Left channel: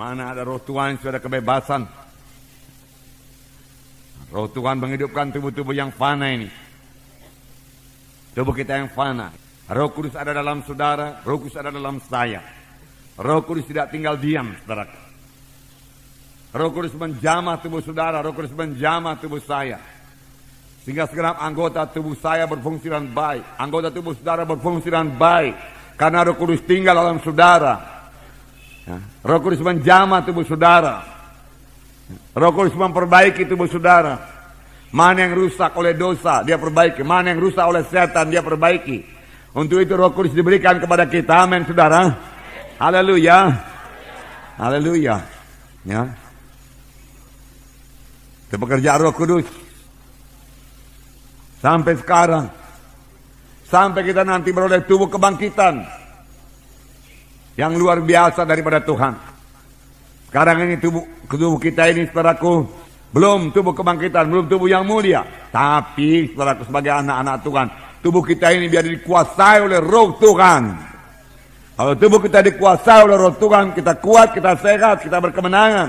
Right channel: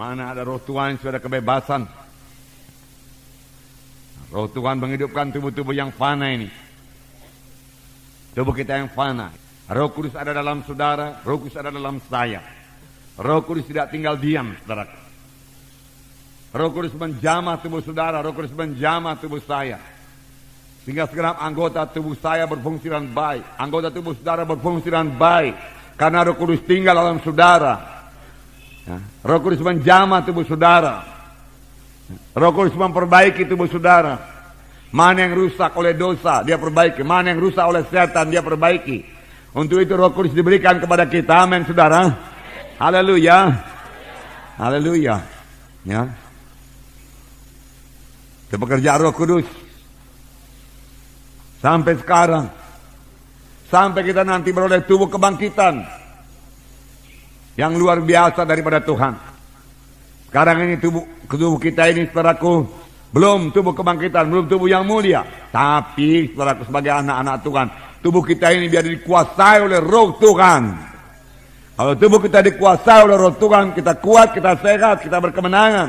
Mana ada roh Tuhan sudah ada kebebasan. Roh Tuhan menghidupkan tubuh-tubuh yang fana ini. Tubuh kita yang fana. Roh Kudus ada dalam saudara, Roh Kudus ada dalam saya. Roh Kudus tidak tinggal diam, saudara. Roh Kudus menjamah tubuh saudara, Roh Kudus menjamah tubuh saya. Sehingga segenap anggota tubuh saya berfungsi dengan baik. Anggota tubuh saudara berfungsi dengan baik. Karena Roh Kudus tinggal dalam saudara. Roh Kudus menjamah tubuh saudara. Roh Kudus memperbaiki tubuh saudara. Mana yang rusak oleh dosa, dia perbaiki. Mana yang rusak oleh setan, dia perbaiki. Untuk itu Roh Kudus diberikan kepada kita. Amin, saudara. Haleluya. Haleluya. Ya. Itu pekerjaan Roh Kudus. Sampai sekarang. Sampai kita nanti beroleh tubuh kebangkitan. Yang luar biasa daripada Tuhan. Sekarang ini tubuh kita ini, saudaraku, belum tubuh kebangkitan, belum tubuh yang mulia. Tapi, saudaraku, sebagai anak-anak Tuhan, tubuh kita ini biar dikuasai oleh Roh Tuhan. Kalau tubuh kita dikuasai oleh Roh Tuhan, kita kuat, kita sehat, kita berkemenangan.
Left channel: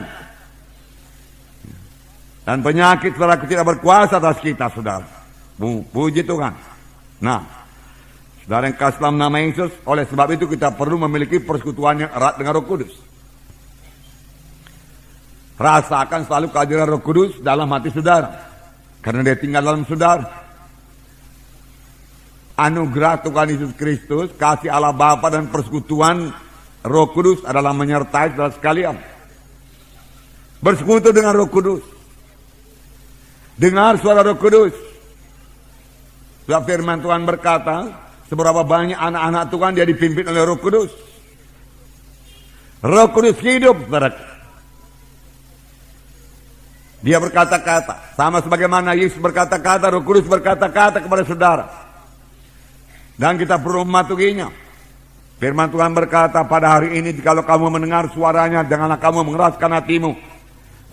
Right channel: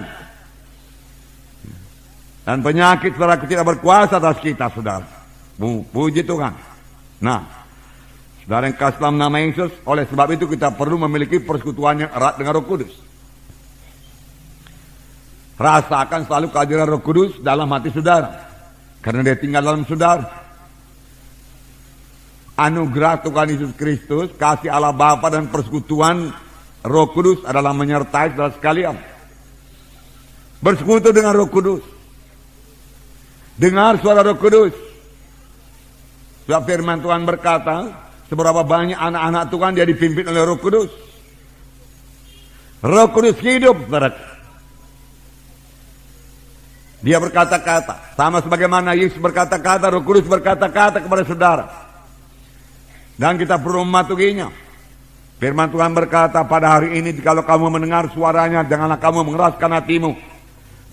Dan penyakit, saudaraku, tidak berkuasa atas kita, saudara. Puji Tuhan. Nah, saudara yang kasih dalam nama Yesus, oleh sebab itu kita perlu memiliki persekutuan yang erat dengan Roh Kudus. Rasakan selalu kehadiran Roh Kudus dalam hati saudara. Karena dia tinggal dalam saudara. Anugerah Tuhan Yesus Kristus, kasih Allah Bapa dan persekutuan Roh Kudus adalah menyertai saudara sekalian. Bersekutu dengan Roh Kudus. Dengar suara Roh Kudus. Sebab firman Tuhan berkata, seberapa banyak anak-anak Tuhan dia dipimpin oleh Roh Kudus. Roh Kudus hidup, saudara. Dia berkata-kata, sama sebagaimana Yesus berkata-kata, Roh Kudus berkata-kata kepada saudara. Dan kita perlu mematuhinya. Firman Tuhan berkata, pada hari ini jikalau kamu mendengar suaranya, janganlah kamu mengeraskan hatimu.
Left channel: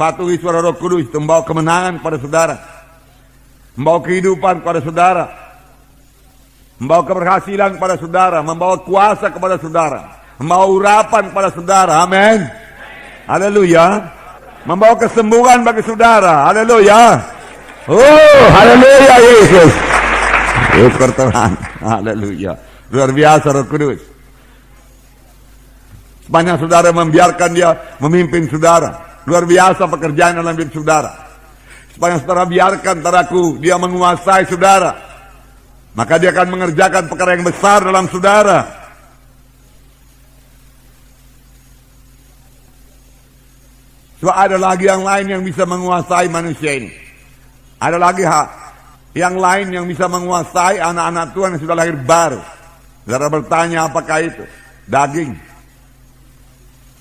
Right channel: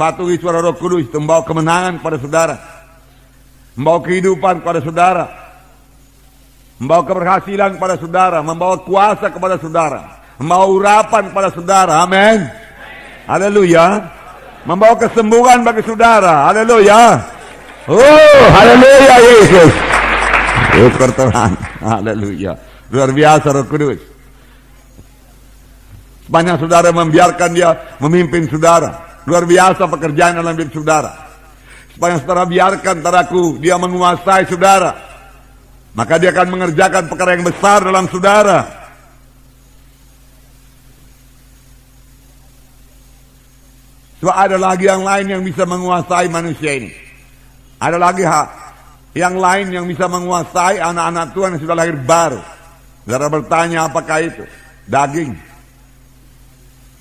Patuhi suara Roh Kudus, itu membawa kemenangan pada saudara. Membawa kehidupan kepada saudara. Membawa keberhasilan kepada saudara. Membawa kuasa kepada saudara. Membawa urapan kepada saudara. Amin. Haleluya. Membawa kesembuhan bagi saudara. Haleluya. Oh, haleluya Yesus. Syukur Tuhan. Haleluya. Luar biasa Roh Kudus. Sepanjang saudara membiarkan dia memimpin saudara. Luar biasa pekerjaan dalam hidup saudara. Sepanjang saudara biarkan saudaraku dia menguasai saudara. Maka dia akan mengerjakan perkara yang besar dalam saudara. Sebab ada lagi yang lain yang bisa menguasai manusia ini. Ada lagi yang lain yang bisa menguasai anak-anak Tuhan yang sudah lahir baru. Saudara bertanya apakah itu? Daging.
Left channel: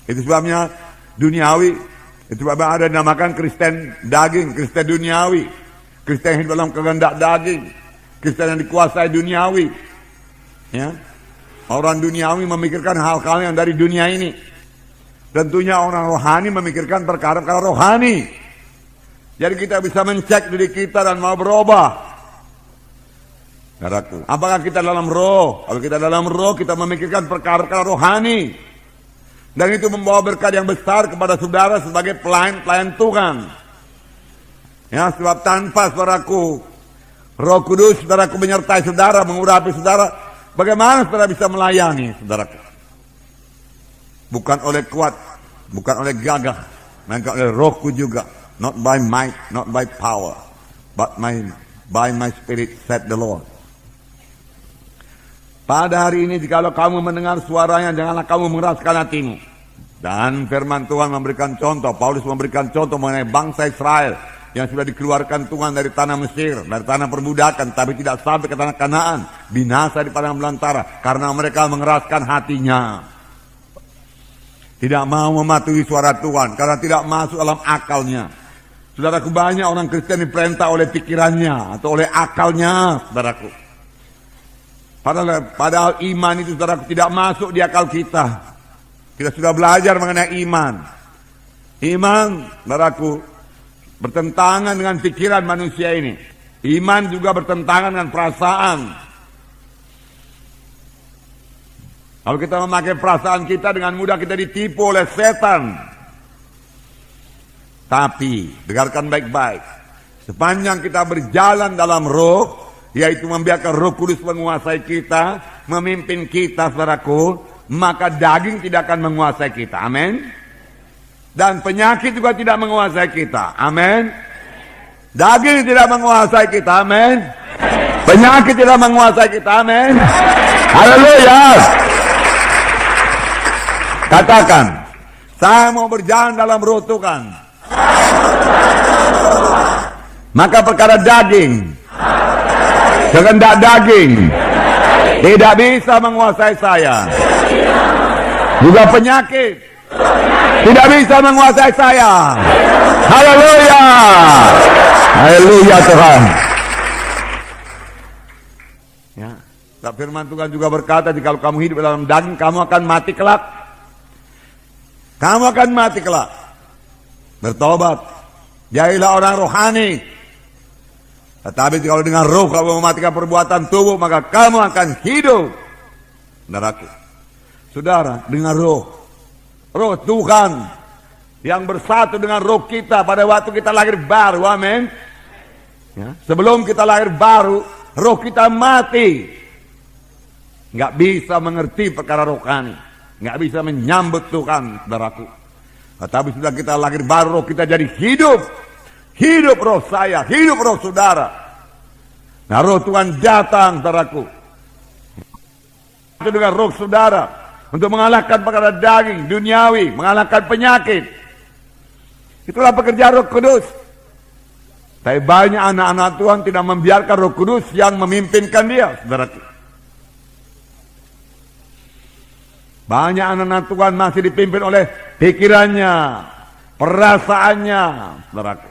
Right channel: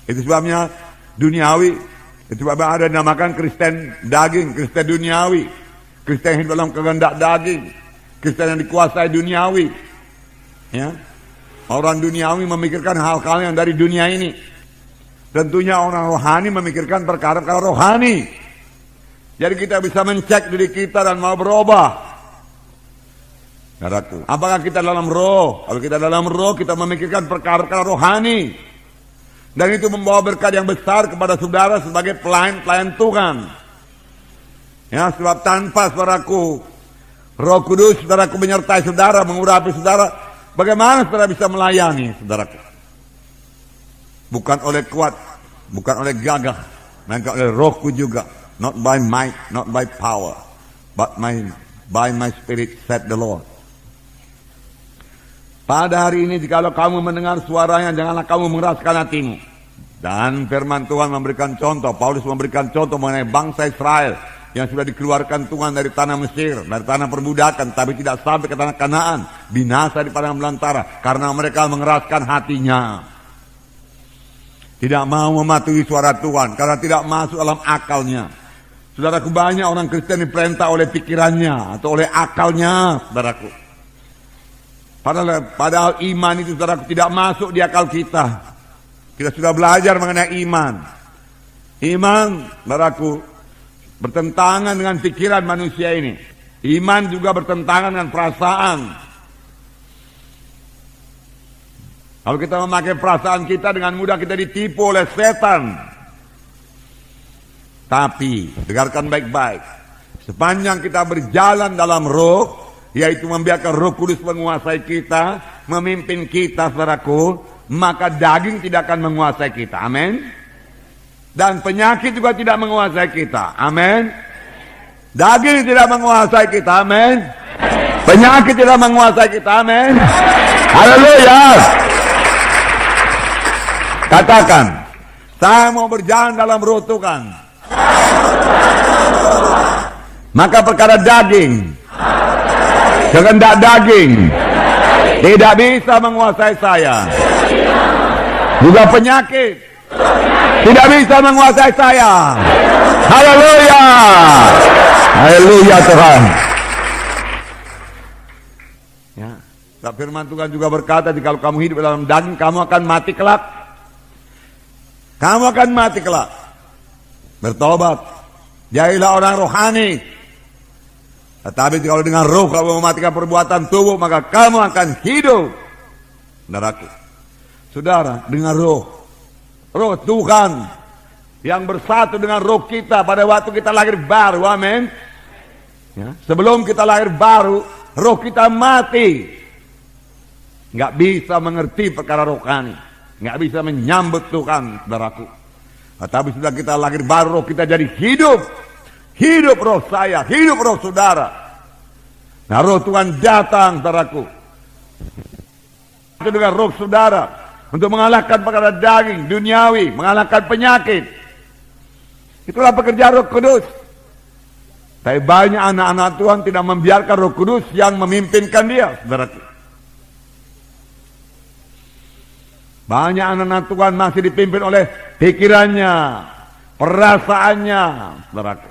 Itu sebabnya duniawi. Itu sebabnya ada yang dinamakan Kristen daging, Kristen duniawi. Kristen yang dalam kehendak daging. Kristen yang dikuasai duniawi. Ya. Orang duniawi memikirkan hal-hal yang dari dunia ini. Tentunya orang rohani memikirkan perkara-perkara rohani. Jadi kita bisa mencek diri kita dan mau berubah. Saudaraku, apakah kita dalam roh? Kalau kita dalam roh, kita memikirkan perkara-perkara rohani. Dan itu membawa berkat yang besar kepada saudara sebagai pelayan-pelayan Tuhan. Ya, sebab tanpa saudaraku, Roh Kudus, saudaraku menyertai saudara, mengurapi saudara, bagaimana saudara bisa melayani saudaraku? Bukan oleh kuat, bukan oleh gagah, melainkan oleh Rohku juga. Not by might, not by power, but by my spirit, said the Lord. Pada hari ini jikalau kamu mendengar suaranya, janganlah kamu mengeraskan hatimu. Dan firman Tuhan memberikan contoh, Paulus memberikan contoh mengenai bangsa Israel yang sudah dikeluarkan Tuhan dari tanah Mesir, dari tanah perbudakan, tapi tidak sampai ke tanah Kanaan, binasa di padang belantara karena mereka mengeraskan hatinya. Tidak mau mematuhi suara Tuhan karena tidak masuk dalam akalnya. Saudaraku, banyak orang Kristen diperintah oleh pikirannya atau oleh akalnya, saudaraku. Padahal iman itu, saudaraku, tidak masuk di akal kita. Kita sudah belajar mengenai iman. Iman, saudaraku, bertentangan dengan pikiran manusia ini. Iman juga bertentangan dengan perasaan. Kalau kita memakai perasaan kita, dengan mudah kita ditipu oleh setan. Tapi, dengarkan baik-baik. Sepanjang kita berjalan dalam roh, yaitu membiarkan Roh Kudus menguasai kita, memimpin kita, saudaraku, maka daging tidak akan menguasai kita. Amin. Dan penyakit juga tidak menguasai kita. Amin. Daging tidak menguasai kita. Amin. Penyakit tidak menguasai kita. Amin. Haleluya. Katakan, saya mau berjalan dalam roh Tuhan. Maka perkara daging, kehendak daging tidak bisa menguasai saya. Juga penyakit tidak bisa menguasai saya. Haleluya. Haleluya Tuhan. Ya, firman Tuhan juga berkata, jika kamu hidup dalam daging, kamu akan mati kelak. Kamu akan mati kelak. Bertobat, jadilah orang rohani. Tetapi kalau dengan roh kamu mematikan perbuatan tubuh, maka kamu akan hidup. Saudaraku, saudara, dengan roh Tuhan yang bersatu dengan roh kita pada waktu kita lahir baru. Amin. Ya, sebelum kita lahir baru, roh kita mati. Nggak bisa mengerti perkara rohani, nggak bisa menyambut Tuhan, saudaraku. Tetapi sudah kita lahir baru, roh kita jadi hidup. Hidup roh saya, hidup roh saudara. Nah, roh Tuhan datang, saudaraku. Itu dengan roh saudara untuk mengalahkan perkara daging, duniawi, mengalahkan penyakit. Itulah pekerjaan Roh Kudus. Tapi banyak anak-anak Tuhan tidak membiarkan Roh Kudus yang memimpinkan dia, saudaraku. Banyak anak-anak Tuhan masih dipimpin oleh pikirannya, perasaannya, saudaraku.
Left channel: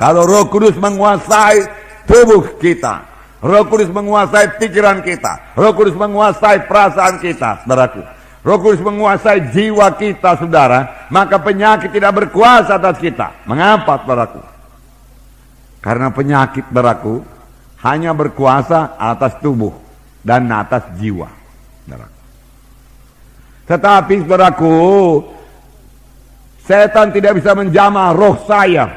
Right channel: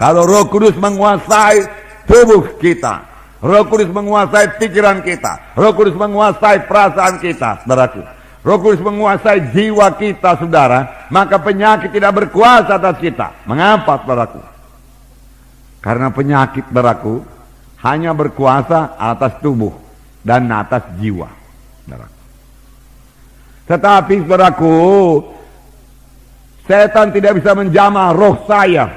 Kalau Roh Kudus menguasai tubuh kita, Roh Kudus menguasai pikiran kita, Roh Kudus menguasai perasaan kita, saudaraku. Roh Kudus menguasai jiwa kita, saudara, maka penyakit tidak berkuasa atas kita. Mengapa, saudaraku? Karena penyakit, saudaraku, hanya berkuasa atas tubuh dan atas jiwa, saudaraku. Tetapi, saudaraku, setan tidak bisa menjamah roh saya.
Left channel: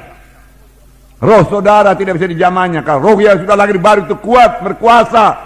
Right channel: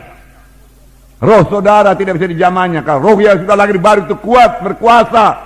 Roh saudara tidak bisa dijamahnya. Kalau roh yang sudah lahir baru itu kuat, berkuasa.